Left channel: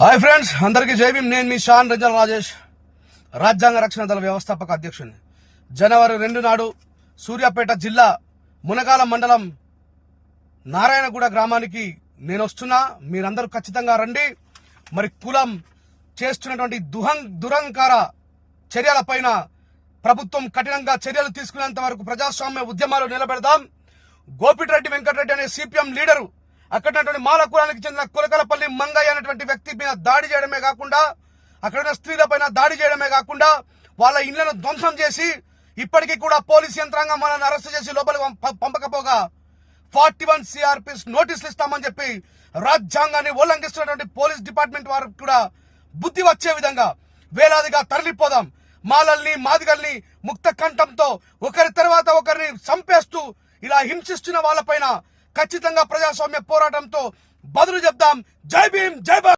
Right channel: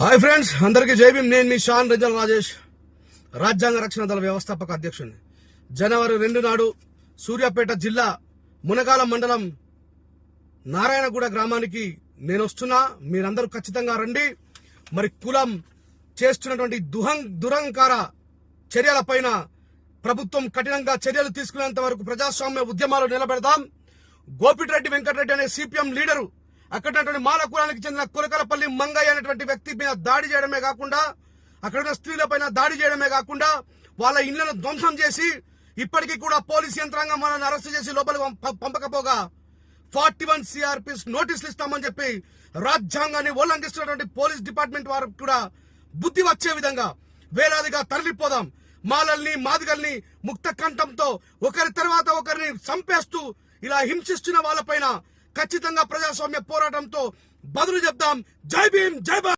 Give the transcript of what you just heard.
Hi friends, అందరికీ జై భీమ్. నేను మీ షాన్ రంజన్ రాజేష్, రాజ్యాంగ రక్షణ దళ వ్యవస్థాపక అధ్యక్షుడిని. జనవరి 2 నాడు సూర్యాపేట జిల్లా మునగాల మండలం నారాయణగూడ గ్రామానికి నేను వస్తున్నా. మీరందరూ ఖచ్చితంగా రండి. మరి కులం చేస్తున్నటువంటి దురంకార చర్యలపైన ప్రభుత్వం కఠినంగా చర్యలు తీసుకునేంత వరకు ప్రజాస్వామ్య ఉద్యమాలు నిలబెడదాం. గోపిరెడ్డి వెంకటరెడ్డి అనే సిపిఎం లీడరు అక్కడ మాల కులానికి చెందిన కులకలపల్లి మంగయ్య అనేటువంటి వ్యక్తి మీద దాడి చేయడమే కాకుండా, అక్కడ స్త్రీలపైన దాడి చేయడమే కాకుండా వాళ్ళ ఇళ్లను ధ్వంసం చేసి ఇప్పటికీ కూడా పోలీస్ యంత్రాంగం వాళ్ళని అరెస్ట్ చేసి లోపలికి పంపకపోగా 41 CRPs నోటీసులు ఇస్తామని చెప్పి రాజ్యాంగాన్ని ఉల్లంఘిస్తున్నటువంటి పోలీస్ డిపార్ట్మెంట్ వారికి కూడా బుద్ధి వచ్చే విధంగా వేలాదిగా తరలిపోదాం. మాలల్ని మాదిగల్ని ముక్త కంఠంతో ఒకరి తర్వాత ఒకరిని చంపేస్తూ ఇలా హింసిస్తున్న వాళ్ళపైన ఖచ్చితంగా ప్రజాస్వామ్య పోరాటంతో బదులు చెప్దాం. జై భీమ్, జై భారత్.